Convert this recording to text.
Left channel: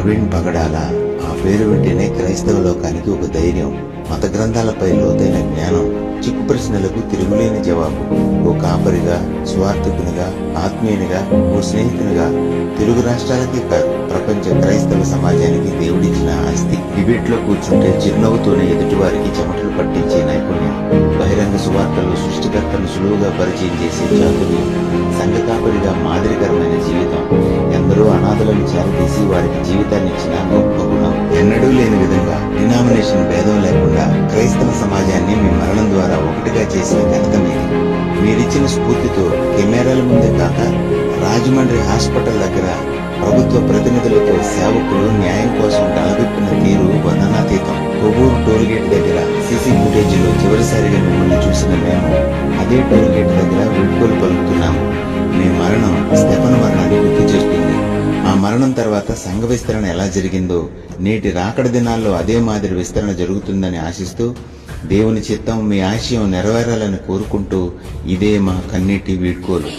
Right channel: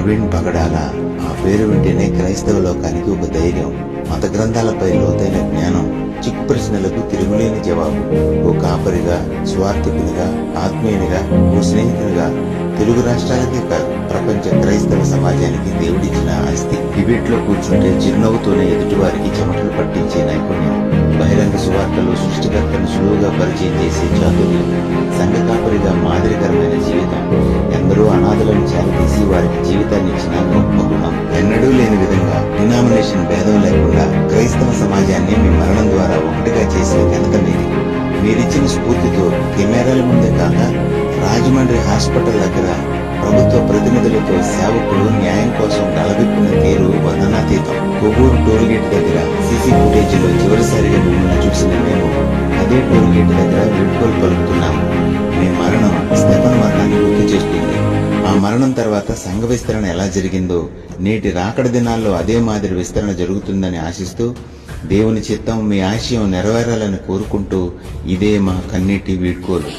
ప్రవీణ్ పగడాల. ఆ పేరు వింటేనే క్రైస్తవ లోకానికి ఒక ధైర్యం, మత గ్రంథాలపై లోతైన జ్ఞానం, చిక్కు ప్రశ్నలకు తిరుగులేని జవాబు. ఓ కాపరిగా, స్వార్థకునిగా, ఆత్మీయునిగా, ఓ స్నేహితునిగా తెలుగు రాష్ట్రాలకే కాదు ప్రపంచ క్రైస్తవ సమాజానికి దేవుడిచ్చిన ఆస్తి. డిబేట్ లో కూర్చుంటే చిరునవ్వుతోనే ఎదుటివారికి చెమటలు పట్టించే నైపుణ్యం, బహిరంగ సువార్తలు సృష్టికర్తను సులువుగా పరిచయం చేసే చాతుర్యం, సంఘ కాపరిగా మాదిరికరమైన జీవితం, ఎందరో అనాథలను చేరదీసి వారికి జీవితాన్ని ఇచ్చిన గొప్ప గుణం. ఎన్నడూ లేని విధంగా డినామినేషన్ భేదం లేకుండా క్రైస్తవ సమాజాన్ని మీ మరణం ద్వారా ఒకటిగా చేసే ఘనత మీది. మీరిచ్చిన స్ఫూర్తితో కెమెరాల ముందే కాక రాజమండ్రి హాస్పిటల్ దగ్గర ప్రభుత్వ ప్రతినిధులతో సేవకులు న్యాయం కోసం గలబెప్పిన తీరు వర్ణనాతీతం. కొవ్వూరు టోల్గేట్ దగ్గర సీసీ ఫుటేజ్ లో చివరిసారిగా మిమ్మల్ని చూసిన మేము అదే టోల్గేట్ దగ్గర వీడ్కోలు పలుకుతున్నాము. మీ మరణం స్టెఫన్ మరణాన్ని గుర్తు చేస్తుంది. ఆ మరణం తర్వాత సంఘ విస్తరణ ఎలా జరిగిందో నేటి రాకడ దినాల్లో అదే మాదిరి విస్తరణ జరుగుతుందని ఆశిస్తూ, దేవుని చిత్తం మీ ఆశయం నెరవేరాలని కోరుకుంటూ ఇదే మా కన్నీటి వీడ్కోలు.